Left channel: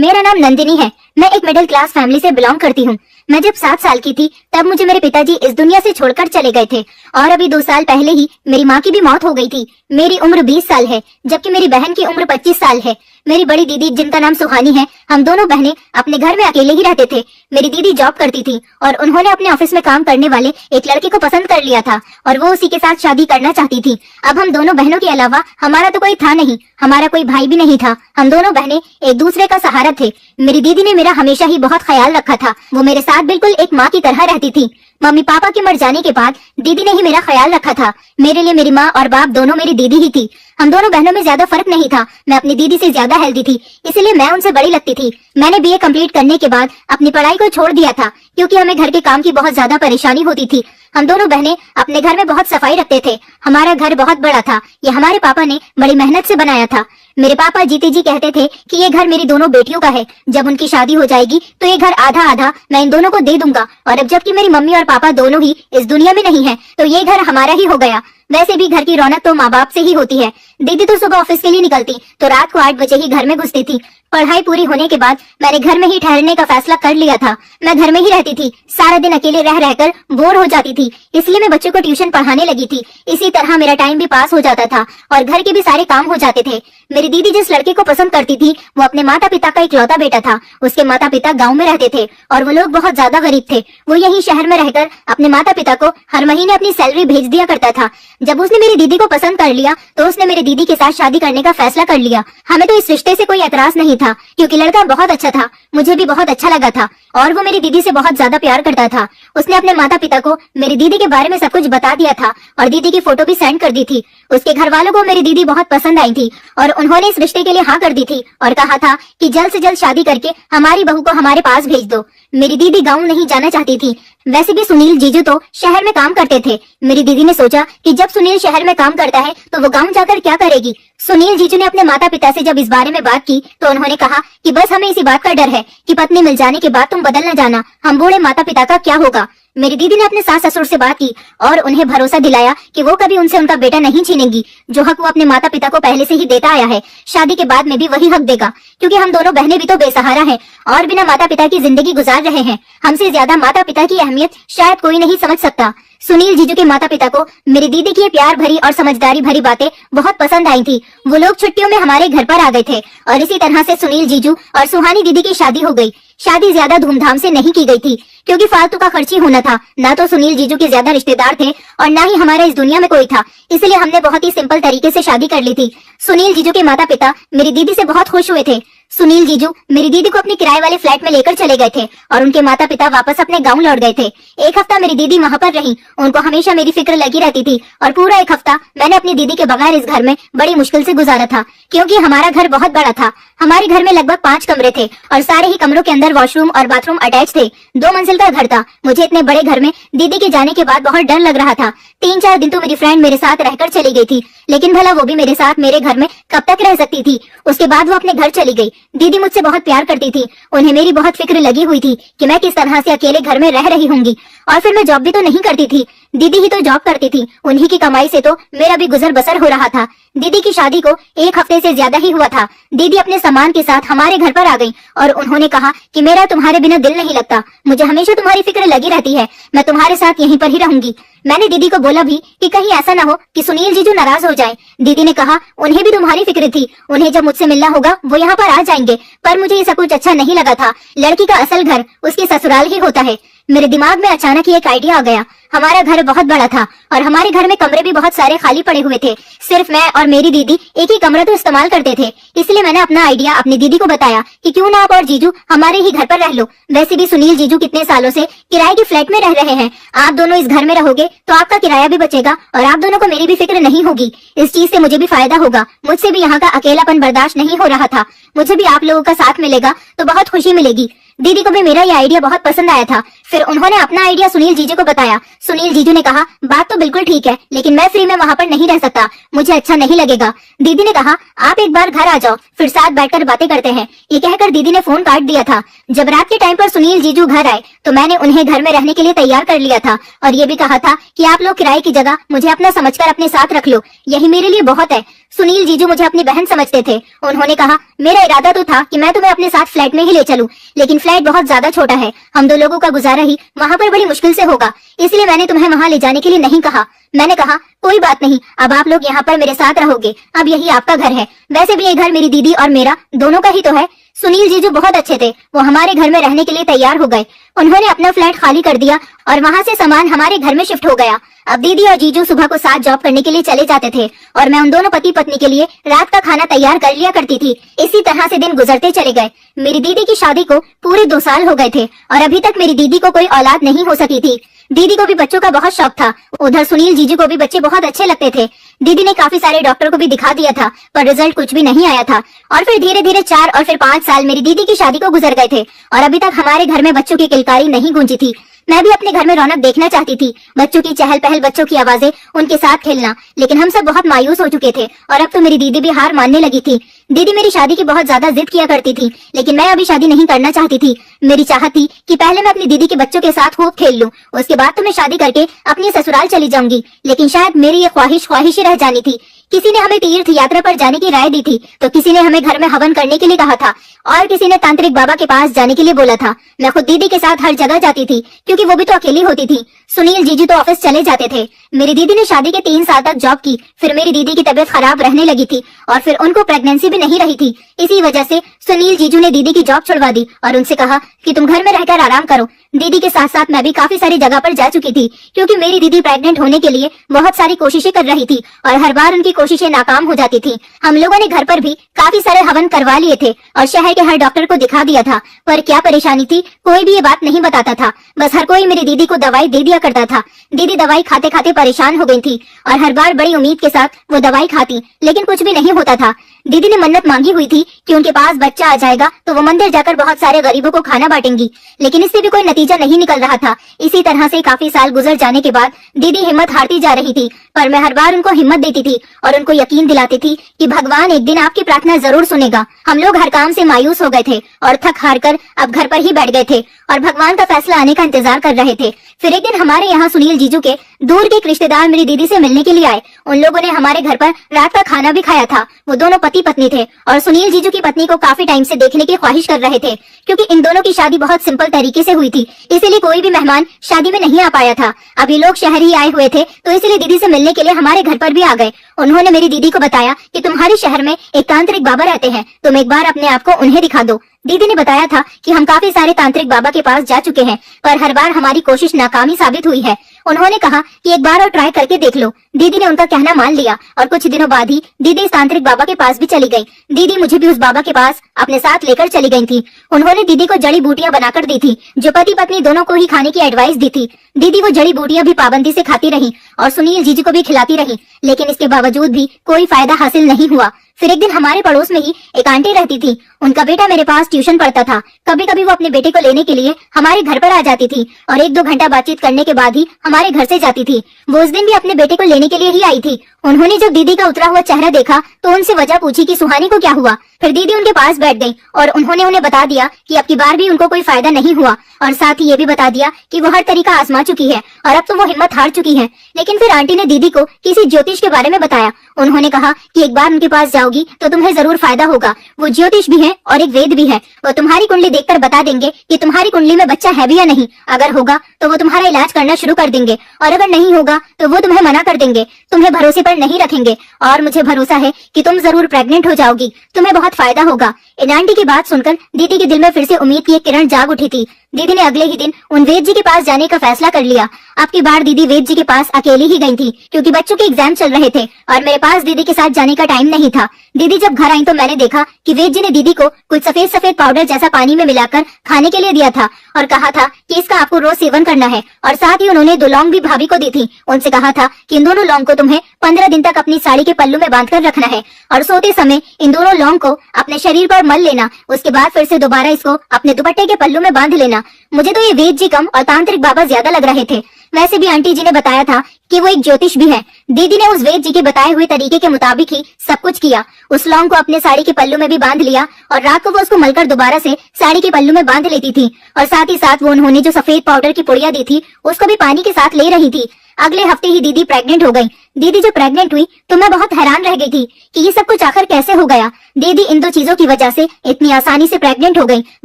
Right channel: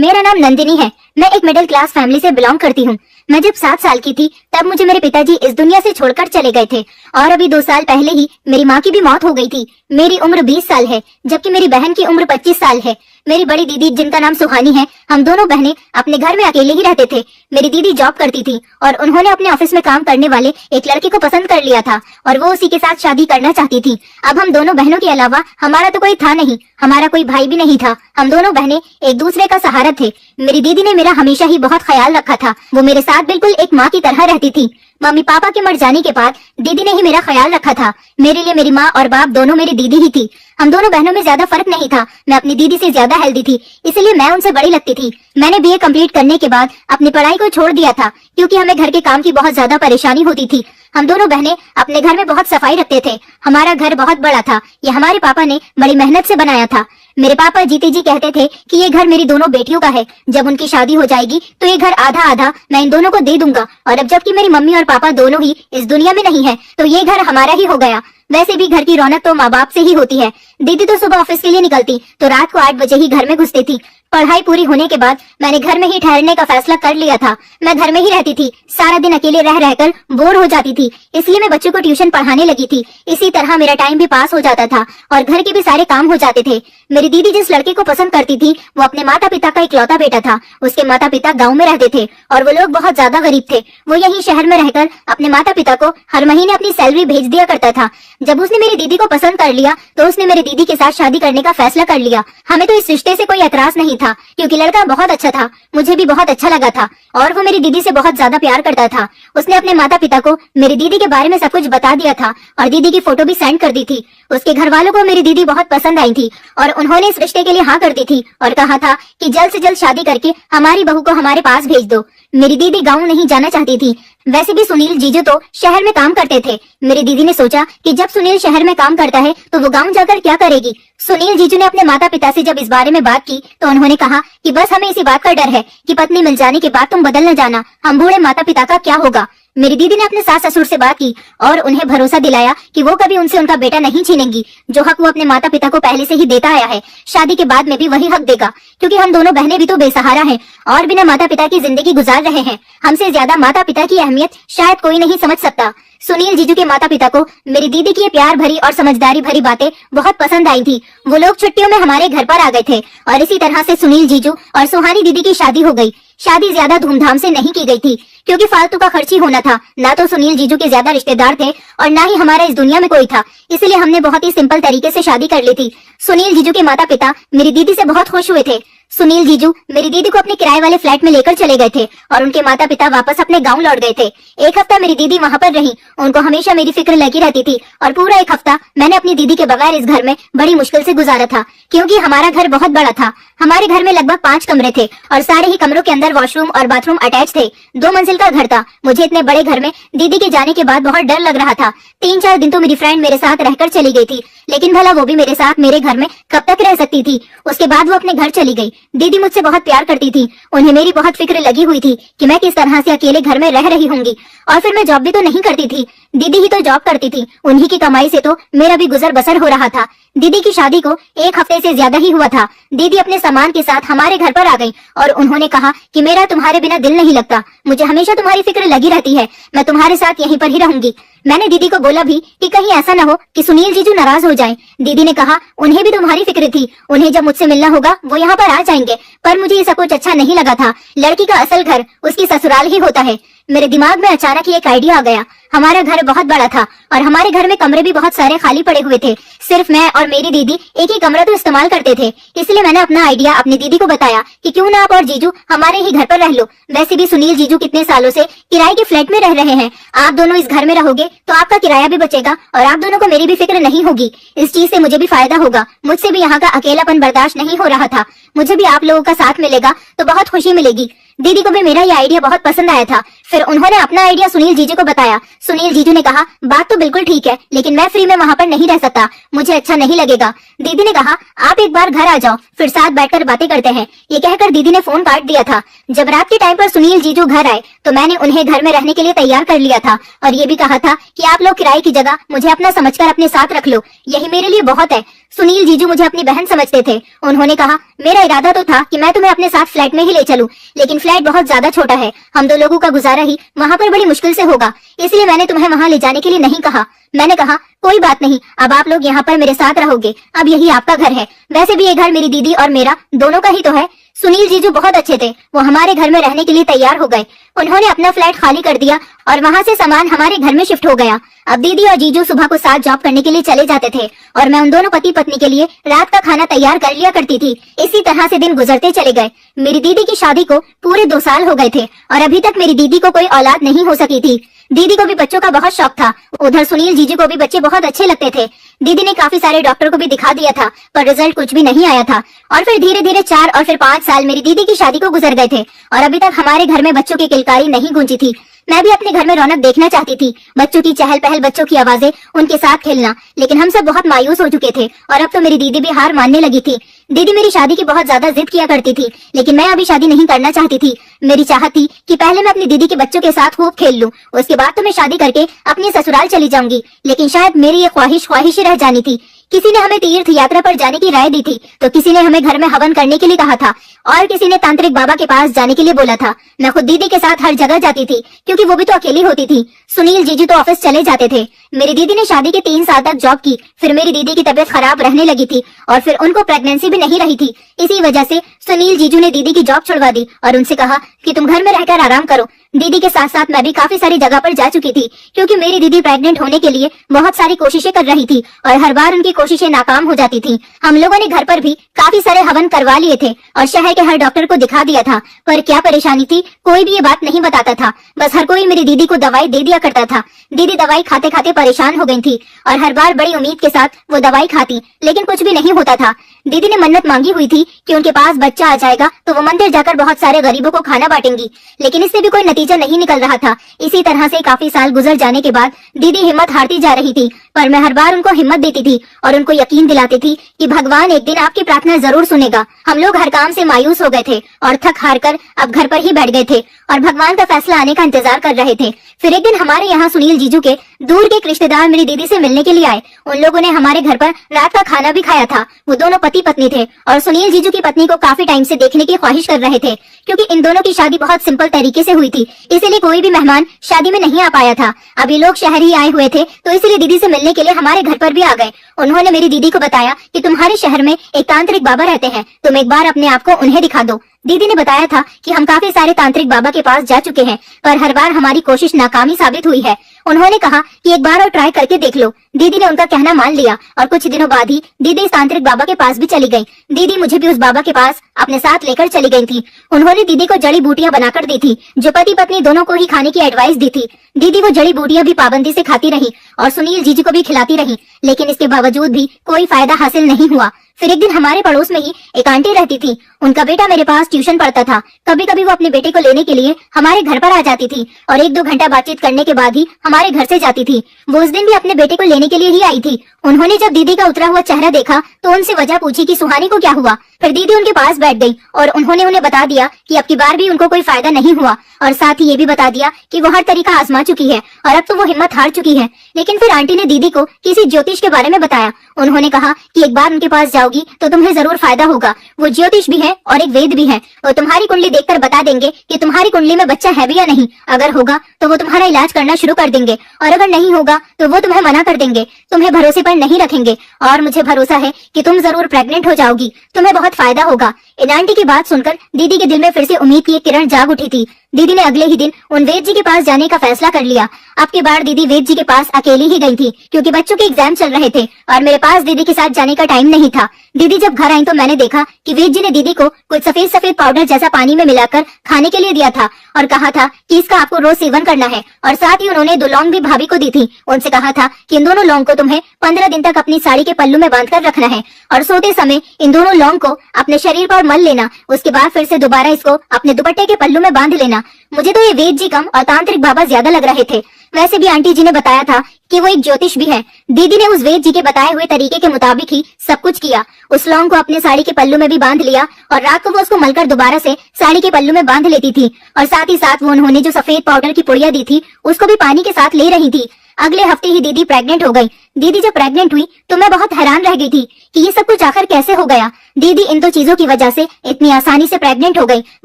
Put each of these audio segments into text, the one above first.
मेरा नाम नंदिनी है। मैं एक मिडिल क्लास फैमिली से बिलोंग करती हूँ। मैं जब 7 साल की थी तब मुझे मेरे पिताजी इस दुनिया से छोड़कर चले गए थे और अभी 2 साल पहले ही मेरी माँ की भी मौत हो गई थी। मेरी उम्र 20 साल है जबकि मेरी बहन की उम्र 25 साल है। मेरी बड़ी दीदी जिनका नाम सुहानी है, हम दोनों बहनें अपने घर में अकेले ही रहते थे। मेरी दीदी जॉब करती थी और उन्होंने अपने ऑफिस में काम करने वाले एक लड़के को पसंद कर लिया था और वो उसी के साथ शादी करना चाहती थी। अब हम दोनों बहनों के अलावा हमारा तो कोई था नहीं, हमारा कोई भाई भी नहीं था। हम दोनों बहनें एक दूसरे का सहारा थे। मेरी दीदी ने मेरा हमेशा ही बहुत ख्याल रखा था। वो मेरे साथ बिल्कुल एक माँ की तरह रहती थी। मम्मी पापा के मर जाने के बाद दीदी ने ही मेरा ख्याल रखा था। मेरे लिए मेरी माँ और बाप दोनों मेरी दीदी ही थी। हम दोनों बहनों में ज्यादा फर्क नहीं था। मैं अपनी दीदी से ज्यादा हेल्दी थी, इसलिए मैं उनसे बड़ी लगती थी। मैंने बीए कंप्लीट करने के बाद अपनी पढ़ाई को छोड़ दिया था क्योंकि हमें घर के काम की बहुत ज्यादा परेशानी होती थी। हम दोनों बहनें अपने घर में बहुत सफाई रखते थे। हमारा घर बहुत बड़ा था। ये हमारे पापा ने बड़ी मेहनत से बनाया था। मेरे पापा जीते जी कहते थे कि ये घर मेरी दोनों बेटियों का है। जब उनकी शादी हो जाएगी तो ये घर आधा आधा मैं इन दोनों को दे दूंगा। और अब जबकि मेरी मम्मी और पापा दोनों ही इस दुनिया में नहीं है तो ये घर हमारा ही हो गया। वैसे भी घर की रौनक तो माँ बाप से ही होती है। दीदी तो सुबह ऑफिस के लिए निकलती तो रात को 8 बजे ही घर में घुसती थी। पढ़ाई पूरी होने के बाद मैंने घर में ही ठहरने का फैसला कर लिया था। मैं घर में ही रहती थी। सारा दिन अकेले रह रहकर बोर हो जाती थी, इसलिए मैं बच्चों को ट्यूशन पढ़ाने लगी थी। इसी तरह मेरा टाइम भी पास हो जाता था और घर के भी सारे काम हो जाते थे। मेरी दीदी जिस लड़के को पसंद करती थी वो अपने माता पिता का इकलौता बेटा था। उसके माता पिता गाँव में रहते थे और वो लोग बहुत ज्यादा गरीब थे। वो यही शहर में रहकर अपने माता पिता को हर महीने अपनी सैलरी भेज दिया करता था। जब उसने मेरी दीदी को पसंद कर लिया तो उसने मेरी दीदी के साथ शादी करने का फैसला कर लिया। हमें तो इस रिश्ते से कोई एतराज नहीं था क्योंकि लड़का बहुत अच्छा था। मुझे भी बहुत अच्छा लगा था और वो मेरी दीदी से बहुत ज्यादा प्यार करता था। उसने अपने माता पिता को मेरी दीदी के बारे में सब कुछ बता दिया था और दीदी की फोटो भी सेंड कर दी थी। उसके घर वालों को मेरी दीदी बहुत पसंद आई थी और उन्होंने इस रिश्ते के लिए हाँ कर दी थी और कहा था कि जल्द से जल्द शादी करके हमारी बहू को हमारे पास भेज दो। मेरी दीदी गाँव नहीं जाना चाहती थी। वैसे भी सुनील जीजू तो शहर में काम करते थे। मेरी दीदी ने सोचा कि जब सुनील शहर में काम करता है तो वो गांव जाकर क्या करेगी। सुनील जीजू ने अपने माता पिता से जब इस बारे में बात की तो उन्होंने कहा कि बस हमें इसी बात का डर है कि पत्नी मिल जाने के बाद तुम बदल न जाना, हम बूढ़े माता पिता का क्या होगा। मेरी दीदी ने अपने सास ससुर से बात की और उन्हें भरोसा दिलाया कि वो कभी उनसे उनका बेटा नहीं छीनेंगी। जो हक वो अपने माता पिता को पहले से ही देता आया है, शादी के बाद में भी वही हक देगा क्योंकि हम दोनों बहनें भी तो बेसहारा हैं और बिना माता पिता की जिंदगी गुजार रहे हैं। हमसे ज्यादा माता पिता की अहमियत शायद कोई नहीं समझ सकता। सुनील जीजू के माता पिता को मेरी दीदी की ये प्यार भरी और समझदारी भरी बातें बहुत पसंद आई थी। वो लोग छुट्टियों में हमारे घर पर आ गए थे और इसी तरह से सुनील जीजू और सुहानी दीदी की शादी हो गई। शादी ज्यादा धूमधाम से नहीं की गई थी क्योंकि फालतू का खर्च ही होना था। ना तो सुनील जीजू के ज्यादा रिश्तेदार थे और ना ही हमारा इस दुनिया में कोई था, इसलिए हमने बहुत ही सिंपल तरीके से शादी कर ली थी। सुनील जीजू के माता पिता मेरी दीदी से बहुत खुश हुए थे। सुनील जीजू मेरी दीदी को अपने किराए वाले फ्लैट में लेकर चले गए थे और उनके माता पिता वापस अपने गांव लौट गए थे। एक हफ्ता मेरी दीदी वहां पर रही। उनको हमेशा मेरी फिक्र लगी रहती थी और पूरा एक हफ्ता मैंने अपनी दीदी के बगैर इस घर में बड़ी मुश्किल से गुजारा था क्योंकि हमारा घर बहुत बड़ा था। हमारे घर में लगभग 5 कमरे थे और सारे ही कमरों के अंदर वॉशरूम और बाथरूम अटैच थे। 2 मंजिल का घर था। मुझे इतने बड़े घर में दीदी के जाने के बाद बहुत डर लग रहा था। 3-4 दिन तो मेरी फ्रेंड मेरे साथ रहकर चली गई थी, लेकिन भला वो भी मेरे साथ मेरे घर में कब तक रह सकती थी। उसके बाद वो अपने घर चली गई। दीदी मुझसे बहुत प्यार करती थी। उन्हें मेरी बहुत फिक्र लगी हुई थी कि मैं किस तरह से अकेले घर में रह रही होंगी। और फिर मैं जॉब भी तो नहीं करती थी, दीदी ही तो जॉब करती थी। उन्हीं की कमाई से तो मेरा भी गुजर बसर हो रहा था। दीदी की शादी को 1 हफ्ते से ज्यादा ही हुआ था। दीदी अपने सामान के साथ हमारे घर पर आ गई और उन्होंने कहा कि मेरा तुम्हारे बिना दिल नहीं लगता, मुझे हमेशा तुम्हारी फिक्र लगी रहती है, मैं तुम्हारे साथ यहीं पर ही रहूंगी। मैंने दीदी को बोला भी कि कहीं ऐसा न हो कि सुनील जीजू नाराज हो जाए। दीदी ने कहा उन्हें भी तुम्हारी फिक्र थी, उन्हें जब मुझसे मिलना होगा वो यहाँ पर आ जाएंगे। पर मुझे ये सब कुछ अच्छा नहीं लगा था। लड़की का असल घर उसकी ससुराल ही होता है। मेरे दिमाग में अचानक ही एक आइडिया आ गया। हमारा घर बहुत बड़ा था और हमारे घर में कमरे भी बहुत सारे खाली पड़े हुए थे। सिर्फ मैं और मेरी दीदी एक ही कमरा तो इस्तेमाल करते थे। इसलिए मैंने अपना आइडिया अपनी दीदी को बताया कि क्यों ना आप और जीजू हमारे ही घर पर रह लो। वैसे भी सुनील जीजू कितने सालों से किराए के फ्लैट में रह रहे हैं। आप दोनों इस घर में रहोगे तो आपका किराया भी बचेगा और आप दोनों को मेरी भी फिक्र नहीं होगी। इस चीज से मुझे भी फायदा होगा। मुझसे भी यहाँ का अकेलापन बर्दाश्त नहीं हो रहा था। मुझे भी आप लोगों का साथ मिलेगा तो बहुत खुशी मिलेगी। दीदी को भी मेरा ये आइडिया बहुत पसंद आया था। फिर उन्होंने अपना आइडिया सुनील जीजू को बताया। सुनील जीजू ने कहा, बात तो बिल्कुल ठीक है, लेकिन मैं फ्री में वहाँ पर नहीं रह सकता, मुझे अच्छा नहीं लगेगा। दीदी ने कहा, आप एक बार घर आ जाओ, फिर साथ बैठकर बातें करते हैं। ये कहकर दीदी ने फोन काट दिया था। जब रात के टाइम पर सुनील जीजू घर आए तो मैंने उन्हें घर में रहने के लिए तैयार कर लिया था और ये भी कहा था कि आप लोग किराए की जगह मुझे अपना समझकर अपने साथ रख लो, यही मेरे लिए बहुत है। सुनील जीजू मुझे अपनी बहन समझते थे। उन्होंने कहा, मेरा इरादा तो था कि मैं तुम्हें अपने साथ फ्लैट में ही ले चलूं, लेकिन फ्लैट बहुत ज्यादा छोटा है, हम दो लोगों का गुजारा ही वहाँ पर बड़ी मुश्किल से होगा, इसलिए मैंने तुम्हें वहाँ ले जाने के लिए नहीं कहा। मैंने कहा, कोई बात नहीं, अब आप लोग यहाँ पर मेरे साथ रहोगे, अब यही आपका घर है। वैसे भी ये घर मेरी दीदी और मेरा दोनों का ही तो है। सुनील जीजू बहुत अच्छे थे, वो हमारे घर में रहने के लिए तैयार हो गए। उन्होंने अपना फ्लैट खाली कर दिया और वहाँ से सामान हमारे घर में शिफ्ट हो गया। अब दीदी और जीजू सुबह को साथ जॉब करने के लिए चले जाते थे और मैं उन दोनों पति पत्नी के लिए रात का खाना तैयार कर लिया करती थी। इसी तरह से दिन गुजरते चले गए। मेरी दीदी की शादी को पूरे 2 साल हो गए थे और अभी तक मेरी दीदी को कोई औलाद नहीं हो सकी थी। दीदी को भी बच्चों का बहुत शौक था। उधर सुनील जीजू को भी बच्चे बहुत अच्छे लगते थे। दीदी ने काफी सारे डॉक्टर को भी दिखा दिया था, पर रिजल्ट कुछ भी नहीं आया था। और फिर धीरे धीरे 4 और फिर 5 साल मेरी दीदी की शादी को गुजर गए थे और अभी तक हमारे घर में बच्चों की किलकारी नहीं गूंजी थी। मैं भी अपने घर में रौनक देखना चाहती थी, बच्चों की चहल पहल, बच्चों की आवाजें, उनके साथ खेलना, लेकिन हम सब बहुत मायूस हो चुके थे और अब तो मेरी दीदी भी हार मानने लगी थी। दीदी मेरी शादी की बहुत ज्यादा जिद किया करती थी, लेकिन मैं अभी शादी नहीं करना चाहती थी। मेरी चाहत थी कि पहले मैं अपनी दीदी के बच्चों के साथ खूब खेल लूं, उसके बाद तो मैं शादी करके अपने ससुराल चली जाऊंगी। लेकिन शायद मेरी ये ख्वाहिश ही रह जानी थी। किसी ने हमें तीर्थ यात्रा पर जाने की राय दी थी, तो किसी ने हमें घर में हवन करने के लिए कहा था और किसी ने तांत्रिक बाबा के पास जाने के लिए बोला था। मैं खुद दीदी के साथ हर जगह जाती थी, क्योंकि वो भी तो अकेली होती थी। सुनील जीजू तो ऑफिस चले जाते थे। मेरी दीदी ने शादी के 3 साल तक जॉब की, फिर मेरी दीदी की तबीयत खराब रहने लगी थी और फिर उनको प्रेगनेंसी भी नहीं रही थी। इसी वजह से सुनील जीजू ने दीदी की जॉब छुड़वा दी और उनसे कहा कि तुम घर में रहकर आराम करो। दीदी के साथ साथ मैं भी काफी सारी जगह पर जा चुकी थी, क्योंकि मेरी दीदी प्रेग्नेंट होने के लिए बहुत सारी कोशिशें कर रही थी और हर बार उनकी कोशिशें नाकाम हो जाती थी। हम लोगों ने घर पर भी काफी सारे हवन करवा लिए थे और शहर के हर डॉक्टर को दिखा दिया था, पर क्या परेशानी थी कोई भी ये बात नहीं बताता था। बस हर कोई मेरी दीदी को दवाई दे दिया करता था। दीदी दवाई खाते खाते परेशान हो गई थी और हर बार बड़ी उम्मीद के साथ वो दवाई खाती, लेकिन कुछ भी नहीं होता था। दीदी ने मन्नत मांगी हुई थी कि उनके पास बच्चा आ जाएगा तो वो मंदिर जाकर बहुत सारे गरीबों को खाना बांटेंगी, लेकिन इससे भी कोई नतीजा नहीं निकल रहा था। इसी तरह से काफी साल गुजर जाने के बाद दीदी हिम्मत हारती जा रही थी, पर मैं हर बार उनको हिम्मत देती थी और उनको यकीन दिलाती थी कि भगवान एक दिन आपकी प्रार्थना जरूर सुनेगा। हम लोग हर काम से मायूस हो गए थे और थक हार कर अब घर पर ही बैठ गए थे और भगवान का फैसला आने का इंतजार कर रहे थे। फिर एक दिन हमारे यहाँ सुनील जीजू के दूर के एक रिश्तेदार मेरी दीदी से मिलने के लिए आए। उन लोगों ने हमारे घर पर रात का खाना भी खाया था। वो दोनों पति पत्नी थे और सुनील जीजू की पत्नी को काफी टाइम से देखने की ख्वाहिश कर रहे थे, क्योंकि इन दोनों की शादी बहुत सिंपल तरीके से हुई थी, इसीलिए कोई भी मेहमान शादी में नहीं आ पाया था। अभी लोग शहर ही आए हुए थे, तो इसलिए दीदी से मिलने के लिए हमारे घर पर भी आ गए। उन्होंने मेरी दीदी को बताया कि तुम्हारे शहर में एक तांत्रिक बाबा रहते हैं, तुम एक बार अपने आप को उन्हें दिखा दो। दीदी ने बताया था कि हम काफी सारे तांत्रिक बाबा के पास जा चुके हैं, पर हर बार हमारी कोशिश नाकामी साबित हुई है। उन्होंने कहा कि एक बार और ट्राई करके देख लो। दीदी ने उनका कहना मान लिया और कुछ दिनों बाद ही दीदी इस तांत्रिक बाबा के पास भी चली गई। दीदी मुझे भी उस बाबा के पास अपने साथ लेकर चली गई थी। उन्होंने दीदी को जड़ी बूटियां बनाकर दी थी, जो पति पत्नी दोनों को ही खाने की एडवाइस दी थी। दीदी वो जड़ी बूटियां भी पाबंदी से खाती रही और सुनील जीजू को भी खिलाती रही, लेकिन इसके बावजूद भी कोई फायदा हासिल नहीं हुआ। फिर एक दिन हमारे पड़ोस में ही एक आंटी रहती थी। उनका बेटा मेरे पास ट्यूशन पढ़ता था। कभी कभी वो अपने बेटे को लेने के लिए हमारे घर पर आ जाती थी और 1-2 घंटा बातचीत करने के बाद ही हमारे घर से जाती थी। वो उस दिन भी अपने बेटे को लेने के लिए ही आई थी। उन्होंने जब दीदी का उतरा हुआ चेहरा देखा तो उनसे वजह पूछी कि सुहानी को क्या हुआ। फिर दीदी उनके पास बैठ गई और उन्होंने उन्हें बता दिया कि अब की बार भी उनको कोई फायदा नहीं हुआ और साथ ही ये भी बता दिया कि वो हर तरीका आजमा चुकी है और अब तो वो हिम्मत हार चुकी है। लेकिन फिर आंटी ने दीदी को किसी ज्योतिष के बारे में बताया। उन्होंने कहा कि एक बार उनके पास जाओगी तो तुम्हें जरूर फायदा होगा। वो ज्योतिष भी है और एक वेद भी है। वो तुम्हारी कुंडली देखकर बता देंगे कि तुम्हारी कुंडली में बच्चा है भी या नहीं। अगर होगा तो वो तुम्हारा इलाज करना शुरू कर देंगे और अगर नहीं होगा तो वो तुम्हें मना कर देंगे, तुम्हें भरोसे पर नहीं रखेंगे। और मुझे भरोसा है कि तुम जरूर प्रेग्नेंट हो जाओगी, तुम्हें बहुत फायदा होगा। इन आंटी की बात सुनकर दीदी के दिल में फिर से उम्मीद की एक किरण जाग उठी थी। दीदी ने अगले ही दिन उन वेद जी के पास जाने का फैसला कर लिया। अब की बार दीदी वेद जी के पास अकेली ही गई थी, क्योंकि बच्चों के एग्जाम चल रहे थे और मेरे पास दीदी के साथ जाने का टाइम नहीं था। दीदी जब घर आई तो मैंने देखा कि वेद जी ने दीदी को कुछ सफेद सफेद पाउडर जैसा पानी में मिलाकर खाने के लिए दिया था और कहा था कि इसका आपको रोज सेवन करना है। और साथ ही उन्होंने 2 लौंग भी भाभी को दी थी। उनसे कहा था कि इन दोनों लौंग को तुम्हें 15 दिन तक अपनी साड़ी के पल्लू में बांध कर रखना है और सोते समय इन दोनों लौंग को अपने शरीर पर मल लेना। उसके बाद फिर से दोबारा इसको अपने दुपट्टे के पल्लू में बांध लेना। मुझे तो ये वेद जी कम और तांत्रिक बाबा ज्यादा लग रहे थे। वैसे भी आंटी जी ने बताया था कि वो एक ज्योतिष भी है। दीदी ने उस वेद जी के बताए हुए तरीके के मुताबिक ही सब कुछ किया। उस लौंग को अपने साड़ी के पल्लू में भी बांध लिया और रात को वो उसको मलकर दोबारा से साड़ी के पल्लू में बांध लेती थी। और साथ ही साथ वो उन्होंने जो सफेद पाउडर की पुड़िया दी थी उसको भी पानी के साथ ले रही थी। अगले हफ्ते ही दीदी प्रेग्नेंट हो गई। दीदी जब प्रेग्नेंट हुई तो मैं बहुत हैरान रह गई थी कि ये सब कुछ आखिर कैसे हो गया। दीदी इन 2 चीजों की वजह से इतनी आसानी से प्रेग्नेंट हो गई।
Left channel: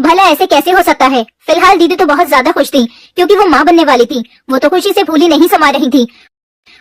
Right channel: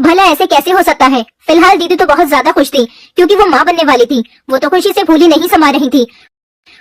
भला ऐसे कैसे हो सकता है। फिलहाल दीदी तो बहुत ज्यादा खुश थी, क्योंकि वो माँ बनने वाली थी। वो तो खुशी से फूली नहीं समा रही थी।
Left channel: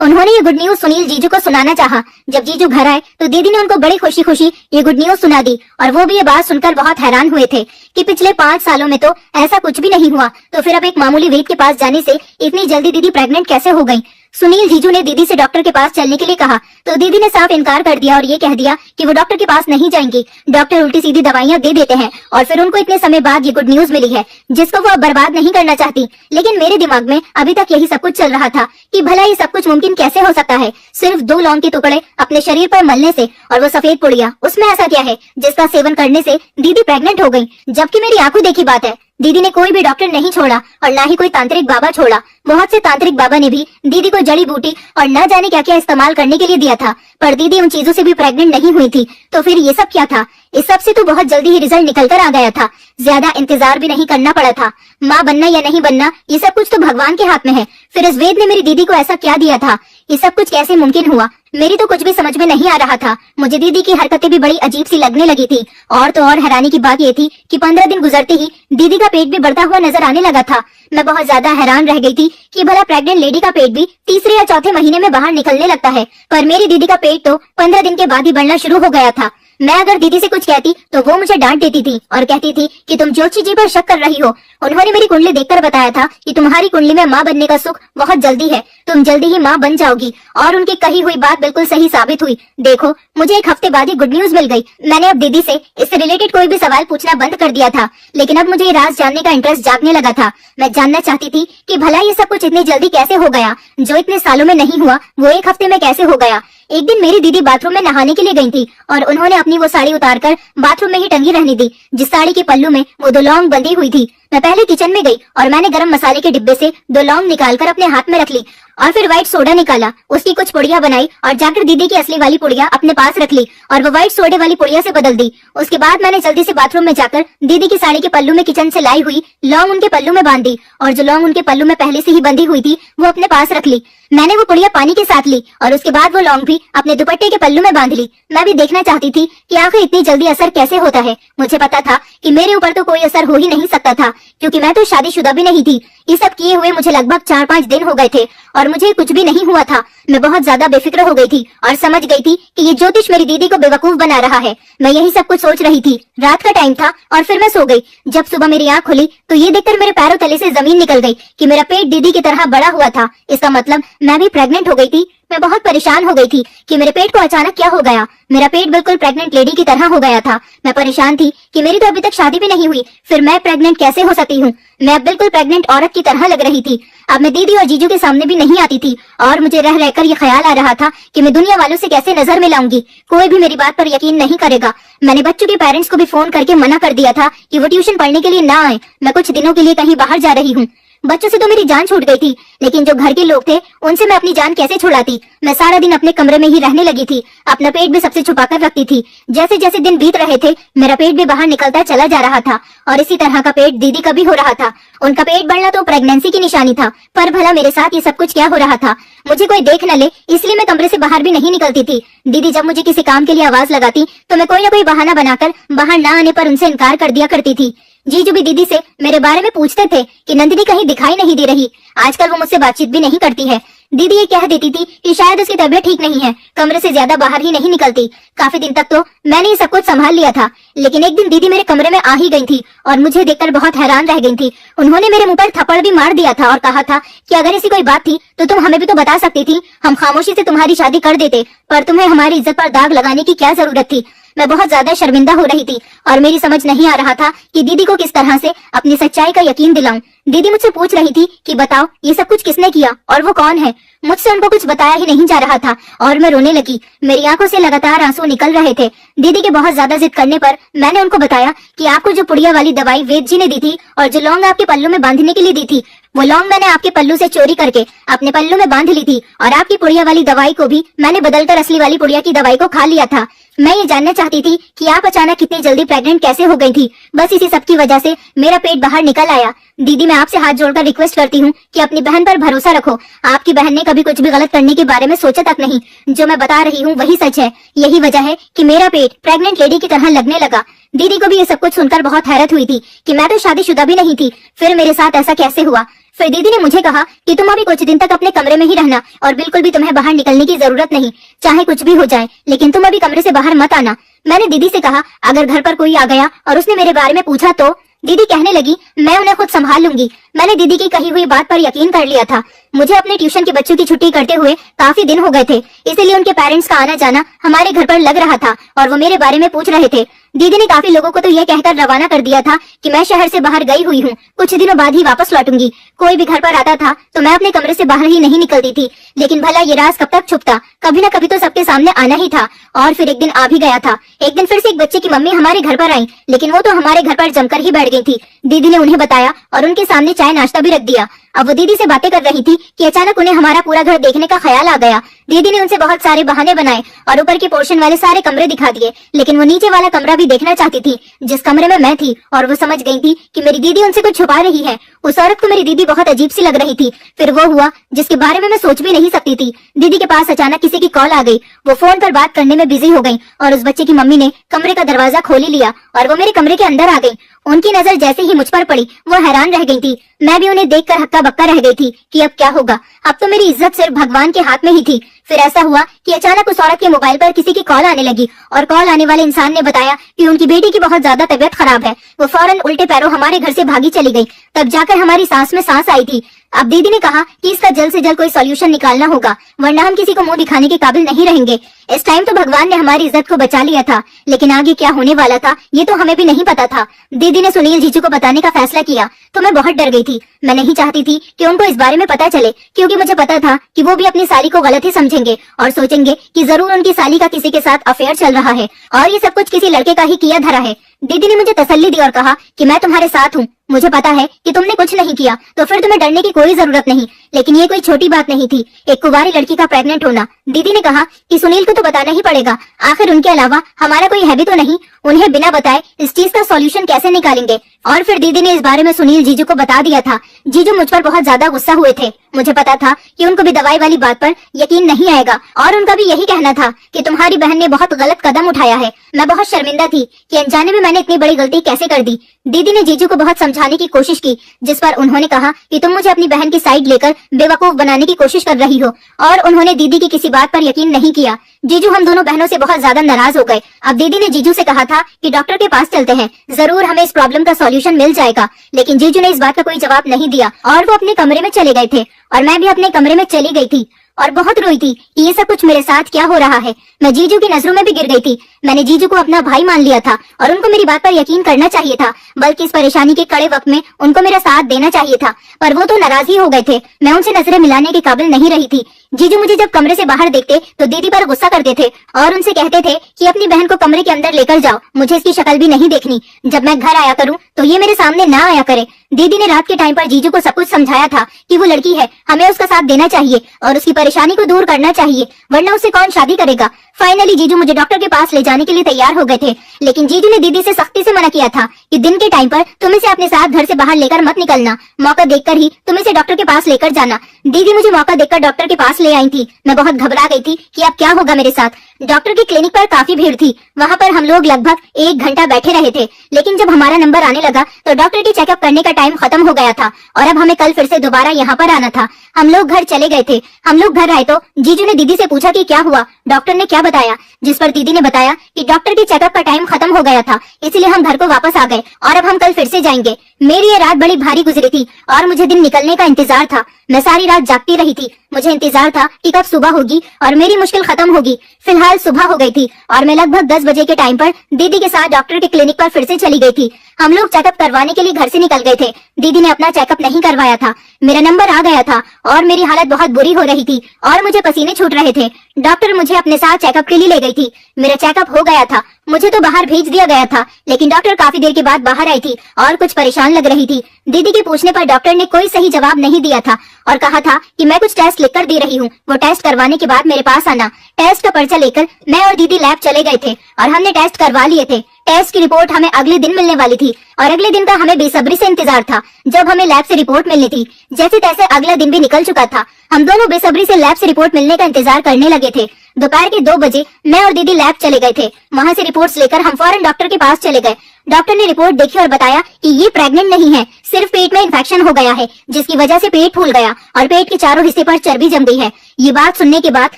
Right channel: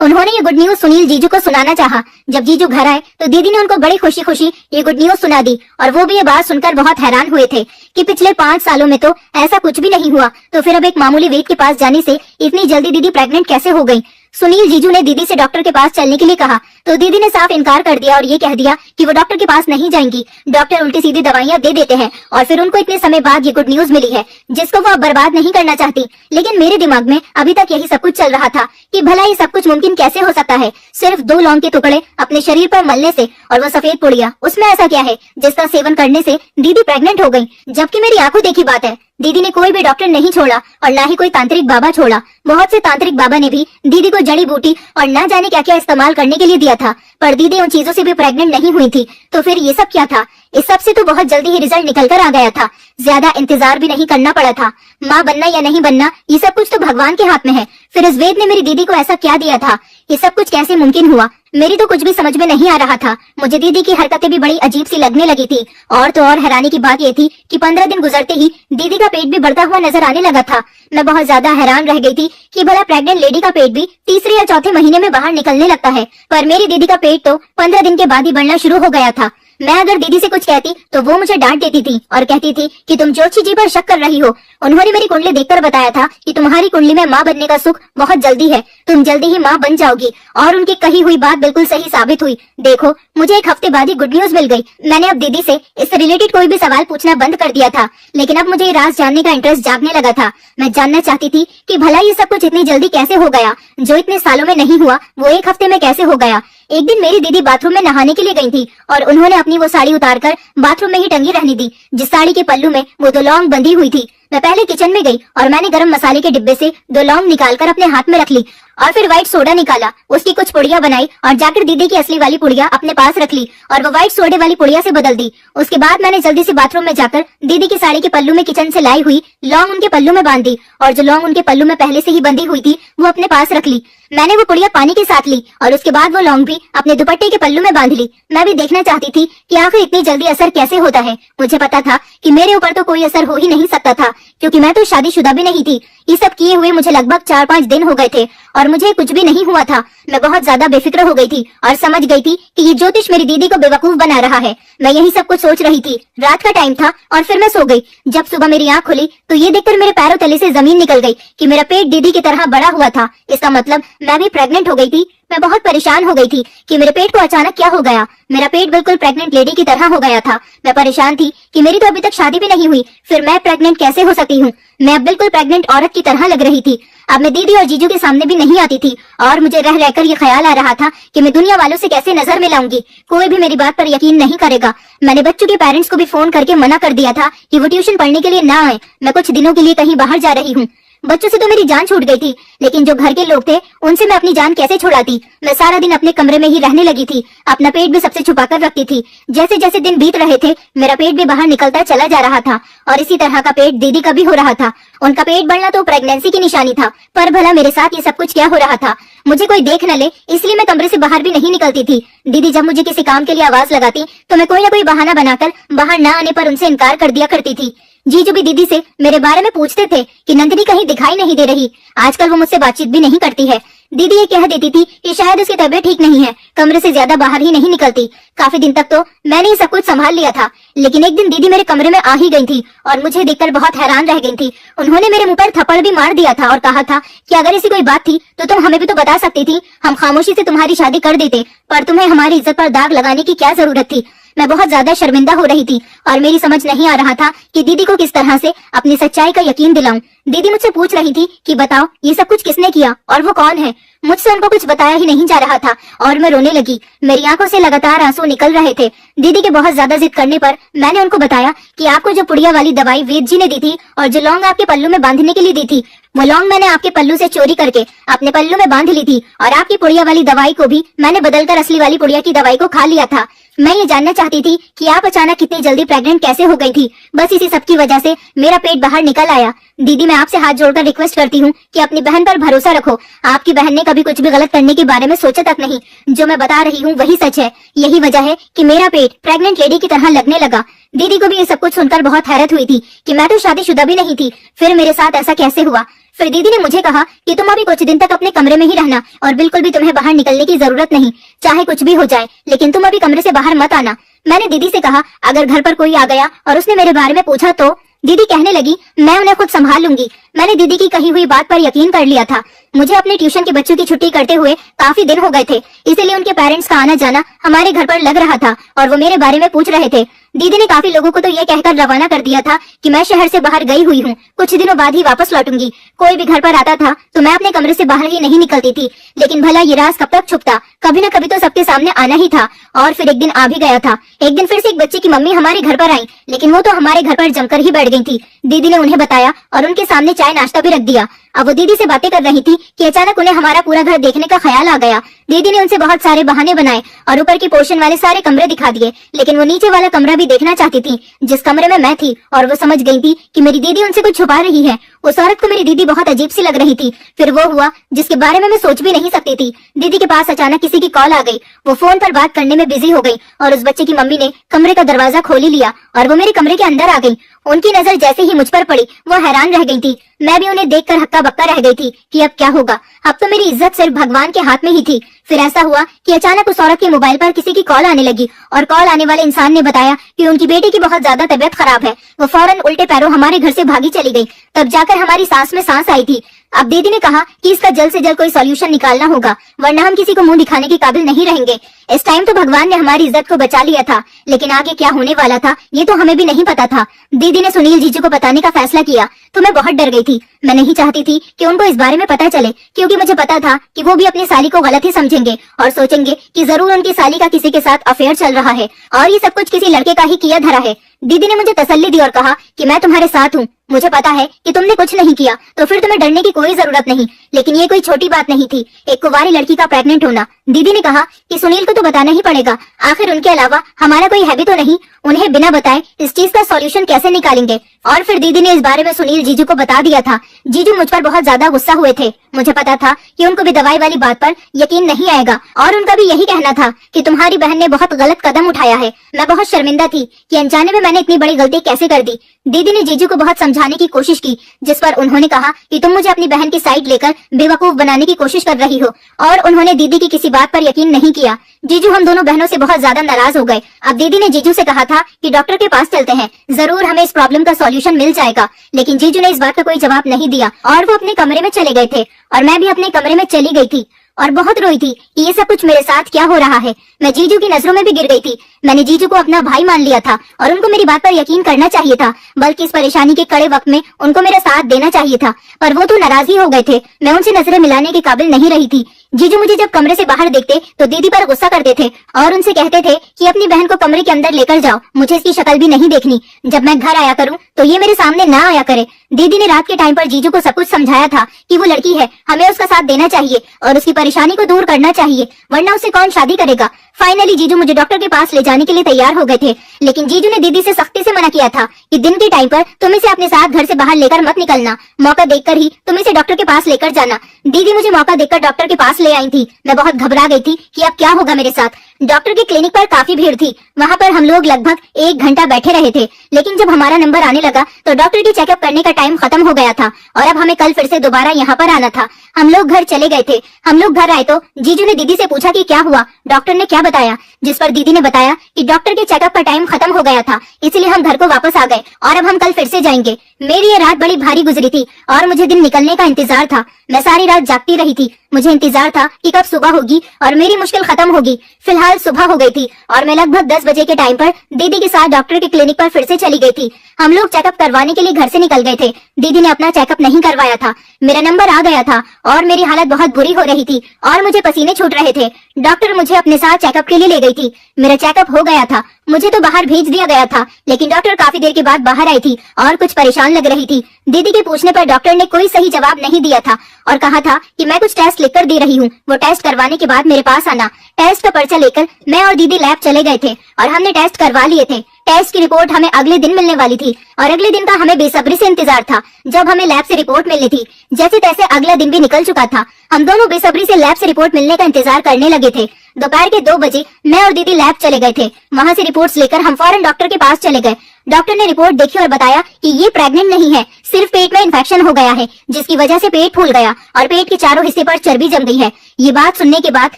उन्होंने ये गुड न्यूज सुनील जीजू को सुनाना चाहा। जब जीजू घर आए तो दीदी ने उनको बड़ी खुशी खुशी ये गुड न्यूज सुना दी और वो भी ये बात सुनकर बहुत हैरान हुए थे कि पिछले 5 सालों में तो ऐसा कुछ भी नहीं हुआ, तो फिर अब एक मामूली वेद के पास जाने से इतनी जल्दी दीदी प्रेग्नेंट कैसे हो गई। सुनील जीजू ने दीदी से डॉक्टर के पास चलने के लिए कहा तो दीदी ने साफ इनकार कर दिया और ये कह दिया कि वो डॉक्टर के पास नहीं जाएंगी। डॉक्टर उल्टी सीधी दवाइयां दे देते हैं और फिर उनको इतने समय बाद ये गुड न्यूज मिली है जिसको वो अब बर्बाद नहीं करना चाहती। लेकिन मेरे दिमाग में अभी तक यही सब कुछ चल रहा था कि भला ये सब कुछ मुमकिन कैसे हो सकता है। सिर्फ 2 लौंग के टुकड़े अपने शरीर पर मलने से और वो सफेद पुड़िया, उसमें ऐसा क्या है जिसका सेवन करने से दीदी प्रेग्नेंट हो गई। जबकि मेरी आंखों देखी बात है, दीदी ने कोई भी डॉक्टर नहीं छोड़ा और ना ही कोई तांत्रिक बाबा छोड़ा। बहुत से तांत्रिक बाबा ने भी दीदी को जड़ी बूटी और न जाने क्या क्या इस्तेमाल करने के लिए दिया था, पर दीदी उन चीजों से भी प्रेग्नेंट नहीं हुई थी। तो फिर ये सब क्या था। इस सब से तो बहुत जल्दी ही रिजल्ट निकल कर आ गया था। ज्यादा इंतजार भी नहीं करना पड़ा था। माँ बनना या नहीं बनना ये सब कुछ तो भगवान के हाथ में है। फिर इस वेद ने मेरी दीदी को ऐसा क्या दिया था। ये सब कुछ कैसे मुमकिन हुआ। मेरी तो कुछ भी समझ में नहीं आ रहा था। मुझे दीदी की हरकतें भी बड़ी अजीब सी लगने लगी थी। और तो और हैरानी की बात ये थी कि 15 दिन गुजरते ही दीदी का पेट भी बढ़ता हुआ नजर आने लगा था। मैं बहुत ज्यादा हैरान रह गई थी कि भला प्रेग्नेंट लेडी का पेट भी तीसरे या चौथे महीने में बाहर निकलने लगता है, पर मेरी दीदी का पेट तो 15 दिन के बाद ही बढ़ना शुरू हो गया था। मैं अगर दीदी से कुछ कहती तो वो मुझे डांट देती थी और कहती थी कि तुम ज्योतिषी जी पर शक कर रही हो। उन्होंने मेरी कुंडली देखकर बताया था कि तुम्हारी कुंडली में माँ बनने का सुख बहुत जल्दी है, तुम जल्दी ही माँ बन जाओगी। और उनकी कही हुई बात बिल्कुल सही साबित हुई। देखो, मुझे 1 हफ्ते बाद ही गुड न्यूज मिल गई। मैंने अब दीदी से इससे रिलेटेड कोई भी सवाल पूछना बंद कर दिया था, लेकिन अब मुझे ये राज जानने का इंटरेस्ट जागने लगा था। मैं जानना चाहती थी कि भला ये सब कुछ इतनी जल्दी कैसे हो गया। जो इतने सालों में नहीं हुआ वो 1 हफ्ते में कैसे हो गया। एक दिन मेरी दीदी बाथरूम में नहाने के लिए गई थी और उन्होंने अपनी वो साड़ी उतारकर बाथरूम में ही टंगी रहने दी, जिस साड़ी के पल्लू में वो 2 लौंग बंधी हुई थी। मैं पहले किचन में गई और मैंने गरम मसाले के डिब्बे से 2 लौंग निकालकर अपने हाथ में रख ली और फिर व्हाइट सोडा निकाला, उसकी कुछ पुड़िया बनाई और जाकर दीदी की असली वाली पुड़िया अपने पास रख ली और वो व्हाइट सोडे वाली पुड़िया से बदल दी। उसके बाद मैंने जल्दी से बाथरूम में जाकर दीदी की साड़ी के पल्लू में किचन से लाई हुई लौंग उनके पल्लू में बांध दी और जो लौंग उनके पल्लू में पहले से ही बंधी हुई थी वो अपने पास रख ली। मैंने वो पुड़िया पानी के साथ ली और उसके बाद वो लौंग भी अपने दुपट्टे के पल्लू में बांध ली। मैं भी देखना चाहती थी कि आखिर इतनी जल्दी असर कैसे होता है। मुझे पता था कि मेरे ऊपर तो कोई असर हो ही नहीं सकता था, क्योंकि मैं तो शादीशुदा भी नहीं थी। ये सब किए हुए मुझे लगभग 4-5 दिन हो गए थे और मुझे कुछ भी नहीं हुआ था। मैं बहुत ज्यादा बेफिक्र हो गई थी और समझ गई थी कि ये ज्योतिष मेरी दीदी को बेवकूफ बना रहा है। मैं यही सब कुछ सोच रही थी। रात का टाइम था और फिर मैं सो गई। जब सुबह मेरी आंख खुली तो ये देखकर मेरे पैरों तले से जमीन निकल गई कि मेरा पेट दीदी की तरह बड़ा हुआ था। इसका मतलब मैं भी प्रेग्नेंट हो गई थी। मैं बहुत परेशान हो गई थी कि मेरे पेट को अचानक क्या हो गया। मेरा पेट बिल्कुल प्रेग्नेंट लेडी की तरह हो गया था। मैं परेशान थी कि मेरी तो अभी तक शादी भी नहीं हुई, फिर मैं प्रेग्नेंट कैसे हो सकती हूँ। मैं अब बिल्कुल प्रेग्नेंट औरत की तरह लग रही थी। अब मैं दीदी और जीजू के सामने भी नहीं आती थी और मुझे रह रहकर ये ख्याल आ रहा था कि मैं दुनिया वालों से कैसे नजर मिलाऊंगी। कोई भी मेरी बात पर यकीन नहीं करेगा। मैंने बच्चों के पेरेंट्स को भी फोन करके मना कर दिया था कि वो ट्यूशन पढ़ने के लिए ना आए। मैं कुछ दिनों के लिए कहीं बाहर जा रही हूँ। बच्चों से तो मेरी जान छूट गई थी, लेकिन जो घर के लोग थे उनसे मैं अपनी जान कैसे छुड़ाती। मैं सारा दिन अपने कमरे में ही रहने लगी थी। अपना पेट भी सबसे छुपा कर रखती थी। जैसे जैसे दिन बीत रहे थे मेरा पेट भी बाहर निकलता चला जा रहा था और इसी तरह का पेट दीदी का भी हो रहा था। उनका पेट बढ़ना तो प्रेगनेंसी की निशानी था, पर भला मेरे साथ ये सब कुछ क्या हो रहा था। मुझे कोई देख न ले इसलिए मैं कमरे से बाहर भी नहीं निकलती थी। दीदी जब मुझे किसी काम के लिए आवाज लगाती तो मैं कोई न कोई बहाना बनाकर बाहर न आने पर उनसे इनकार कर दिया करती थी। जीजू भी दीदी से मेरे बारे में पूछते थे कि नंदिनी कहीं दिखाई नहीं दे रही, आजकल वो मुझसे बातचीत भी नहीं करती है। दीदी ये कह देती थी कि शायद उसकी तबीयत ठीक नहीं है, कमरे से ज्यादा बाहर ही नहीं निकलती। काफी दिन तक तो मैंने ये सब कुछ संभाल लिया था, लेकिन एक दिन दीदी मेरे कमरे में आ ही गई थी और मुझे देखकर बहुत हैरान रह गई थी। उन्होंने मेरे मुंह पर थप्पड़ भी मार दिया था और कहा था कि अगर ऐसी कोई बात थी तो तुम हमें भी तो बता सकती थी, हम खामोशी से तुम्हारी शादी कर देते, पर तुम्हें हमारी इज्जत पर दाग लगाने की क्या जरूरत थी। मैं बहुत ज्यादा शर्मिंदा हो रही थी और मेरी समझ नहीं आ रहा था कि दीदी को किस तरह से अपनी सच्चाई का यकीन दिलाऊं। दीदी मुझसे पूछ रही थी कि बताओ ये सब कुछ किसने किया और वो कौन है। मुझसे उनको कुछ बताया ही नहीं जा रहा था और मैं रोने लगी। मेरी आंखों से लगातार आंसू निकल रहे थे। दीदी के बहुत ज्यादा जिद करने पर मैंने उनको बताया कि आपको जो पुड़िया वाली दवाई वेद जी ने दी थी और जो लौंग आपके पल्लू में बांधने के लिए दी थी, वो लौंग मैंने आपके पल्लू से चोरी करके अपने पल्लू में बांध ली थी और आपकी पुड़िया वाली दवाई को भी मैंने बदलकर असली वाली पुड़िया की दवाई को खा लिया था। मैं ये जानना चाहती थी कि आप अचानक इतनी जल्दी प्रेग्नेंट कैसे हो गई थी। बस इसी सब की वजह से मेरा पेट बाहर निकल आया। दीदी मैं आपसे हाथ जोड़कर रिक्वेस्ट करती हूँ कि अपनी बहन पर भरोसा रखो। आपकी बहन ने कभी कुछ भी गलत करने के बारे में सोचा तक नहीं। जो मैं बता रही हूँ वही सच है। यही वजह है कि मेरा पेट प्रेग्नेंट लेडी की तरह लगने लगा। दीदी को भी ये सब कुछ सुनकर बहुत हैरत हुई थी कि मैं तो शादीशुदा भी नहीं थी, फिर मेरे साथ ऐसा कैसे हुआ। फिर दीदी ने मुझे कहा कि तुम अभी कुछ दिन तक अपने कमरे में ही रहना और बिल्कुल भी तुम्हें बाहर निकलने की जरूरत नहीं, चाहे कुछ भी हो जाए, लेकिन तुम अभी कमरे से बाहर मत आना। मैंने दीदी से कहा अगर घर पर कोई आ गया और उसने मेरे बारे में पूछा तो। दीदी कहने लगी मैं उन्हें खुद संभाल लूंगी। मैंने दीदी की कही हुई बात पर यकीन कर लिया था। मुझे अपने ट्यूशन के बच्चों की छुट्टी करते हुए काफी दिन हो गए थे, इसीलिए उनके पेरेंट्स का आना जाना हमारे घर पर लग रहा था और वो मेरे बारे में पूछ रहे थे। दीदी ने काफी लोगों को तो ये कहकर रवाना कर दिया था कि मैं शहर से बाहर गई हुई हूँ, कुछ दिनों बाद ही वापस लौटूंगी। कोई भी घर पर आता था तो मैं अपने कमरे से बाहर ही नहीं निकलती थी, लेकिन भला ये राज कब तक छुपता, कभी न कभी तो सबके सामने आना ही था। और फिर एक दिन आ भी गया था। एक दिन फिर से एक बच्चे की मम्मी हमारे घर पर आई, लेकिन वो तो हमारे घर पर जमकर ही बैठ गई थी। दीदी ने उन्हें बताया और उनके सामने चाय नाश्ता भी रख दिया। अब वो दीदी से बातें कर रही थी कि अचानक उन्हें हमारा पूरा घर देखने का ख्याल आ गया। दीदी ने उनसे बहुत सारे बहाने बनाए और ऊपर के पोर्शन वाले सारे कमरे दिखा दिए, लेकिन वो नीचे वाला कमरा भी देखना चाहती थी जिस कमरे में मैं थी। और वो समझ गई थी कि मेरी दीदी उनसे कुछ छुपा रही है। उस औरत को मेरी दीदी बहुत अजीब सी लग रही थी। फिर वो हुआ जिसके बारे में मैं सोच भी नहीं सकती थी। दीदी के पास अचानक किसी की कॉल आ गई। वो फोन पर बात करने में बिजी हो गई और उस बच्चे की मम्मी ने कमरे का दरवाजा खोल ही लिया और वो मेरे कमरे के अंदर आ गई। उनकी नजर जैसे ही मुझ पर पड़ी वो हैरान रह गई थी। मैं भी उन्हें देखकर हक्का बक्का रह गई थी कि अब क्या होगा। अब तो मेरी इज्जत सिर्फ भगवान के हाथ में ही थी। फिर ऐसा हुआ कि अचानक उस औरत के मोबाइल पर किसी की कॉल आने लगी और कॉल आने वाले इंसान ने बताया कि उनकी बेटी की बहुत ज्यादा तबीयत खराब है। वो फौरन उल्टे पैरों हमारे घर से भागी चली गई। तब जाकर हमारी सांस में सांस आई थी। अब दीदी ने कहा कि इसका जल्द से जल्द कोई सॉल्यूशन निकालना होगा, वरना हम किसी को मुंह दिखाने के काबिल नहीं रहेंगे। इस टाइम तो भगवान ने हमारी इज्जत को बचा लिया था, लेकिन आगे क्या होने वाला था ये तो हमें भी नहीं पता था। दीदी ने सुनील जीजू को बताने का फैसला किया तो मैं बहुत डर गई थी। मैं नहीं चाहती थी कि उनको इस बारे में पता चले, क्योंकि मुझे पता था कि वो भी अपनी साली को गलत ही समझेंगे और सोचेंगे कि जरूर उनकी साली का किसी के साथ अफेयर चल रहा है और ये सब कुछ किसी लड़के का ही किया धरा है। दीदी ने मुझे तसल्ली दी और कहा कि मैं तुम्हारे साथ हूँ, मुझे पता है कि तुमने कुछ नहीं किया तो फिर तुम्हें डरने की कोई जरूरत नहीं। लेकिन ये कोई छोटी बात नहीं थी, एक कुंवारी लड़की का प्रेग्नेंट होना। दीदी ने कहा कि सुनील को तो बताना ही पड़ेगा, आखिर उनके अलावा हमारा कोई है भी तो नहीं। उन्हें बिना बताए इस चीज का सॉल्यूशन कैसे निकालेंगे। और फिर दीदी ने इस बारे में सुनील जीजू को बता दिया था। जीजू मुझ पर बहुत ज्यादा गुस्सा हुए थे। मुझे पता था कि उनको भी दवाई वाली बात पर यकीन नहीं आएगा और उनका भी यही कहना था कि तुम्हारी बहन ने बहुत गलत कदम उठाया है। मैं बहुत शर्मिंदा थी कि अनजाने में मैंने इतनी बड़ी गलती कैसे कर दी। दीदी ने जीजू को बहुत समझाने की कोशिश की, जिस पर उन्होंने कहा कि तुम मुझे अपनी बहन की साइड लेकर बेवकूफ बनाने की कोशिश कर रही हो, और उन्होंने दीदी की किसी बात पर यकीन नहीं किया। जीजू हम दोनों बहनों से बहुत ज्यादा नाराज हो गए। अब दीदी ने जीजू से कहा था कि डॉक्टर के पास चलते हैं, जरूर हमें इस प्रॉब्लम का सॉल्यूशन मिल जाएगा। लेकिन जीजू ने इस बात का कोई जवाब नहीं दिया और वो अपने कमरे में चले गए थे और मैं भी अपने कमरे में चली गई थी और बहुत रोई थी कि ये सब कुछ मेरे साथ क्या हो रहा है। मैं जीजू की नजरों में भी गिर गई थी। मैंने जीजू को अपना भाई मान लिया था और उनको मेरी बात पर यकीन करना चाहिए था, बल्कि इस परेशानी के कड़े वक्त में उनको मेरा साथ देना चाहिए था, पर वो तो नाराज ही हो गए थे। मैं उनसे नजरें मिलाने के काबिल नहीं रही थी। जीजू मुझे जब कमरे से बाहर देखते तो दीदी पर गुस्सा करते थे और उनसे कहते थे कि अपनी बहन को कमरे के अंदर लेकर जाओ, मुझे इसकी शक्ल भी नहीं देखनी। जब मैं घर आया करूं तो ये मेरे सामने ना आया करे। दीदी ने रात के टाइम पर जीजू को सब कुछ समझाया था कि वो लड़की है, हमें उसका साथ देना चाहिए और उसकी परेशानी को दूर करना चाहिए, वरना उससे कौन शादी करेगा। फाइनली जीजू मुझे डॉक्टर के पास ले जाने के लिए तैयार हो गए थे, लेकिन जीजू ने दीदी से सख्ती से मना किया था कि दिन के टाइम पर तुम इसे अपने साथ घर से बाहर लेकर मत निकलना, मौका देखकर ही तुम इसे डॉक्टर के पास लेकर जाना। दीदी मुझे मौका देखकर डॉक्टर के पास ले आई थी। मैं बहुत घबरा गई थी कि अब क्या होगा मेरे साथ। डॉक्टर के क्लिनिक पर काफी भीड़ थी। वहाँ पर हम लोग लगभग 1 घंटा बैठे रहे थे, लेकिन जब हमारा नंबर आने लगा तो डॉक्टर के चेकअप करने का टाइम खत्म हो गया था और अब हमें कल फिर से दोबारा यहाँ पर आना था। हम लोग घर चले गए थे। हम लोग घर आए तो जीजू ने दीदी से पूछा कि क्या हुआ, डॉक्टर ने क्या बताया, जिस पर दीदी ने बताया कि डॉक्टर के चेकअप का टाइम खत्म हो गया था, इसलिए हम घर को वापस आ गए और अब हम कल फिर से जाएंगे। मेरी ये रात बड़ी भारी गुजरी थी और मुझे दिन निकलने का इंतजार था। मैं सारी रात जागती रही थी। मुझे इंतजार था कि कब सुबह होगी और मेरी मुश्किल खत्म होगी। फिलहाल सुबह हो गई थी और मैं लगभग 10 बजे के टाइम पर दीदी के साथ डॉक्टर के क्लिनिक पर फिर से चली गई थी। हम लोग चेकअप करवाने के लिए घर से निकल गए थे। दीदी ने अपना चेकअप नहीं करवाया था। मेरा नंबर आ गया था और मेरी हालत बहुत बुरी हो रही थी और मुझे पसीने छूट रहे थे। डॉक्टर मुझे अपने साथ चेकअप के लिए ले गई थी। मेरा चेकअप हो गया था। मुझे तो बाहर भेज दिया गया था, लेकिन डॉक्टर काफी देर के बाद बाहर आई थी और कुछ परेशान लग रही थी। दीदी के पूछने पर डॉक्टर ने कोई सही जवाब नहीं दिया था और कहा था कि मैं कुछ टेस्ट लिखकर दे रही हूँ, वो टेस्ट करवाने के बाद मेरे पास आना। टेस्ट का पर्चा लेकर मैं और दीदी लैब चले गए थे और हमने टेस्ट करवा लिए थे। टेस्ट की रिपोर्ट हमें अगले दिन मिलने वाली थी और अगले दिन का हमें बेसब्री से इंतजार था जब हमें लैब से रिपोर्ट मिलनी थी। जैसे तैसे अगला दिन भी निकल चुका था। हम दोनों बेसब्री से लैब से रिपोर्ट मिलने का इंतजार करने लगे थे। दोपहर के 2 बजे मैं और दीदी लैब चले गए थे। वहाँ से रिपोर्ट्स लेकर हम फौरन डॉक्टर के पास चले गए। डॉक्टर ने रिपोर्ट देखी और बताया कि ये प्रेग्नेंट नहीं है, सिर्फ पेट में इन्फेक्शन हो गया है, जिसकी वजह से पेट फूल गया और पेट के चारों हिस्से पर चर्बी जम गई है। ये बात सुनने के बाद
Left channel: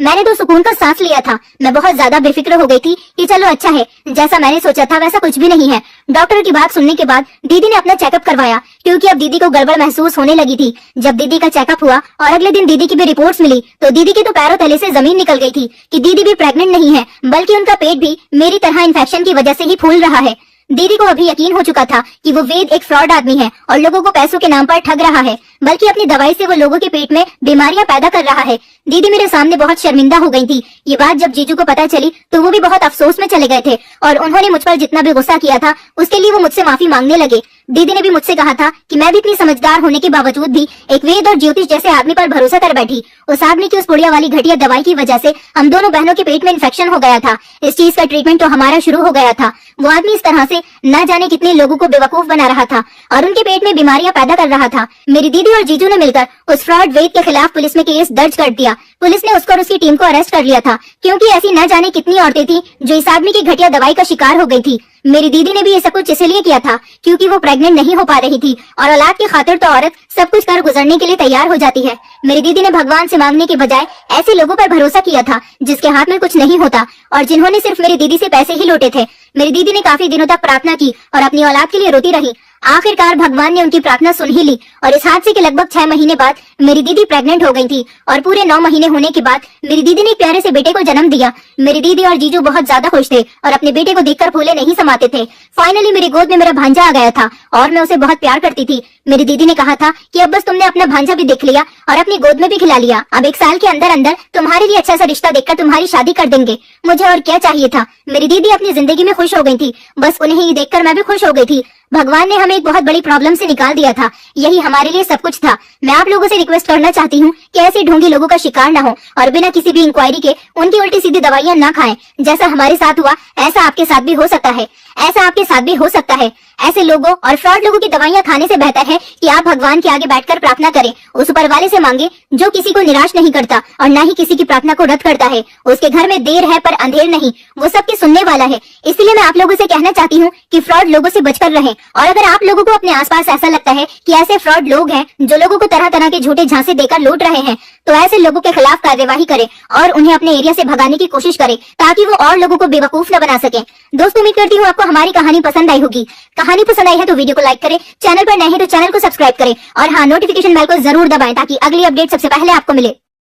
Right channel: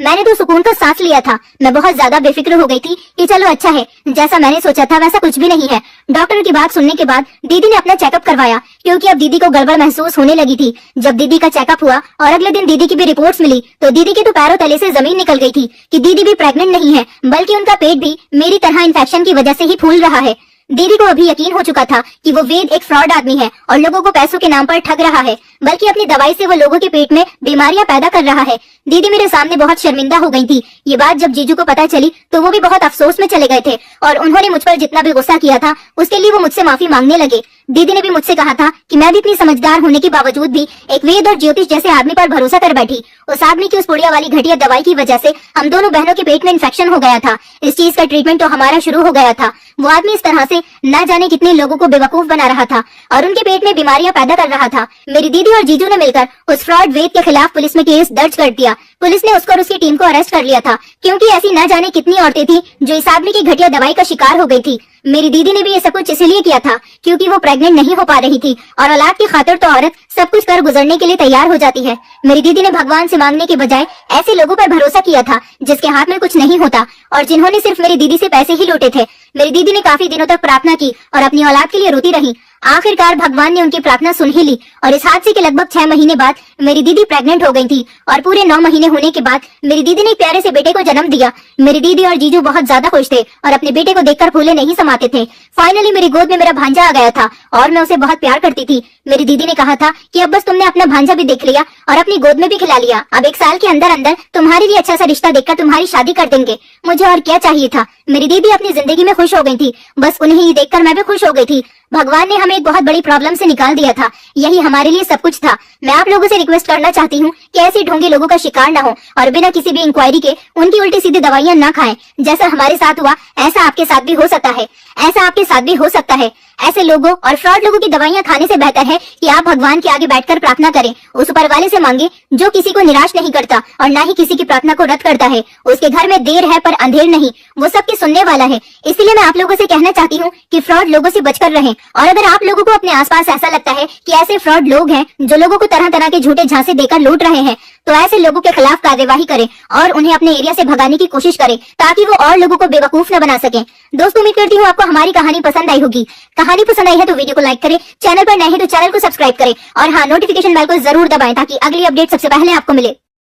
मैंने तो सुकून का सांस लिया था। मैं बहुत ज्यादा बेफिक्र हो गई थी कि चलो अच्छा है, जैसा मैंने सोचा था वैसा कुछ भी नहीं है। डॉक्टर की बात सुनने के बाद दीदी ने अपना चेकअप करवाया, क्योंकि अब दीदी को गड़बड़ महसूस होने लगी थी। जब दीदी का चेकअप हुआ और अगले दिन दीदी की भी रिपोर्ट्स मिली तो दीदी की तो पैरों तले से जमीन निकल गई थी कि दीदी भी प्रेग्नेंट नहीं है, बल्कि उनका पेट भी मेरी तरह इन्फेक्शन की वजह से ही फूल रहा है। दीदी को अभी यकीन हो चुका था कि वो वेद एक फ्रॉड आदमी है और लोगों को पैसों के नाम पर ठग रहा है, बल्कि अपनी दवाई से वो लोगों के पेट में बीमारियां पैदा कर रहा है। दीदी मेरे सामने बहुत शर्मिंदा हो गई थी। ये बात जब जीजू को पता चली तो वो भी बहुत अफसोस में चले गए थे और उन्होंने मुझ पर जितना भी गुस्सा किया था उसके लिए वो मुझसे माफी मांगने लगे। दीदी ने भी मुझसे कहा था कि मैं भी इतनी समझदार होने के बावजूद भी एक वेद और ज्योतिष जैसे आदमी पर भरोसा कर बैठी। उस आदमी की उस पुड़िया वाली घटिया दवाई की वजह से हम दोनों बहनों के पेट में इन्फेक्शन हो गया था। इस चीज का ट्रीटमेंट तो हमारा शुरू हो गया था। वो आदमी इस तरह से न जाने कितने लोगों को बेवकूफ बना रहा था और उनके पेट में बीमारियां पैदा कर रहा था। मेरी दीदी और जीजू ने मिलकर उस फ्रॉड वेद के खिलाफ पुलिस में केस दर्ज कर दिया। पुलिस ने उसको और उसकी टीम को अरेस्ट कर लिया था, क्योंकि ऐसी न जाने कितनी औरतें थी जो इस आदमी की घटिया दवाई का शिकार हो गई थी। मेरी दीदी ने भी ये सब कुछ इसलिए किया था क्योंकि वो प्रेग्नेंट नहीं हो पा रही थी और औलाद की खातिर तो औरत सब कुछ कर गुजरने के लिए तैयार हो जाती है। मेरी दीदी ने भगवान से मांगने के बजाय ऐसे लोगों पर भरोसा किया था जिसके हाथ में कुछ नहीं होता और जिन्होंने सिर्फ मेरी दीदी से पैसे ही लूटे थे। मेरी दीदी ने काफी दिनों तक प्रार्थना की और अपनी औलाद के लिए रोती रही। आखिरकार भगवान ने उनकी प्रार्थना सुन ही ली और इस हादसे के लगभग 6 महीने बाद मेरी दीदी प्रेग्नेंट हो गई थी और पूरे 9 महीने होने के बाद मेरी दीदी ने एक प्यारे से बेटे को जन्म दिया। मेरी दीदी और जीजू बहुत ज्यादा खुश थे और अपने बेटे को देखकर फूले नहीं समाते थे। फाइनली मेरी गोद में मेरा भांजा आ गया था और मैं उसे बहुत प्यार करती थी। मेरी दीदी ने कहा था कि अब बस तुमने अपना भांजा भी देख लिया और अपनी गोद में भी खिला लिया, अब 1 साल के अंदर अंदर तुम्हारे लिए अच्छा सा रिश्ता देखकर तुम्हारी शादी कर देंगे। मुझे और क्या चाहिए था। मेरी दीदी अपनी जिंदगी में खुश हो गई थी, बस उन्हें ही देखकर मैं भी खुश हो गई थी। भगवान ने हमें एक बहुत बड़ी प्रॉब्लम से निकाल दिया था, यही हमारे लिए सब कुछ था। मैं आप लोगों से रिक्वेस्ट करना चाहती हूँ कि ऐसे ढोंगी लोगों का शिकार न हो और बिना किसी भी इंक्वायरी के उनकी उल्टी सीधी दवाइयाँ न खाएं। जैसा हमारे साथ हुआ ऐसा आपके साथ भी हो सकता है, ऐसा आपके साथ भी हो सकता है। ऐसे लोगों और फ्रॉड लोगों की दवाइयाँ खाने से बेहतर है कि आप भगवान के आगे बैठकर प्रार्थना करें, उस ऊपर वाले से मांगे जो किसी को निराश नहीं करता और न ही किसी की प्रार्थना को रद्द करता है। उसके घर में देर है पर अंधेर नहीं, वो सबकी सुनने वाला है। इसलिए मैं आप लोगों से कहना चाहती हूँ कि फ्रॉड लोगों से बचकर रहें और अगर आप लोगों को अपने आसपास ऐसा लगता है कि ऐसे फ्रॉड लोग हैं जो लोगों को तरह तरह के झूठे झांसे देकर लूट रहे हैं, तो ऐसे लोगों के खिलाफ कार्यवाही करें और उन्हें अपने एरिया से भगाने की कोशिश करें ताकि वो और लोगों को बेवकूफ न बना सकें। दोस्तों उम्मीद करती हूँ आपको हमारी कहानी पसंद आई होगी। कहानी पसंद आई है तो वीडियो को लाइक करें, चैनल पर नए हैं तो चैनल को सब्सक्राइब करें और हाँ, नोटिफिकेशन बेल को जरूर दबाएं ताकि अगली अपडेट सबसे पहले आपको मिले।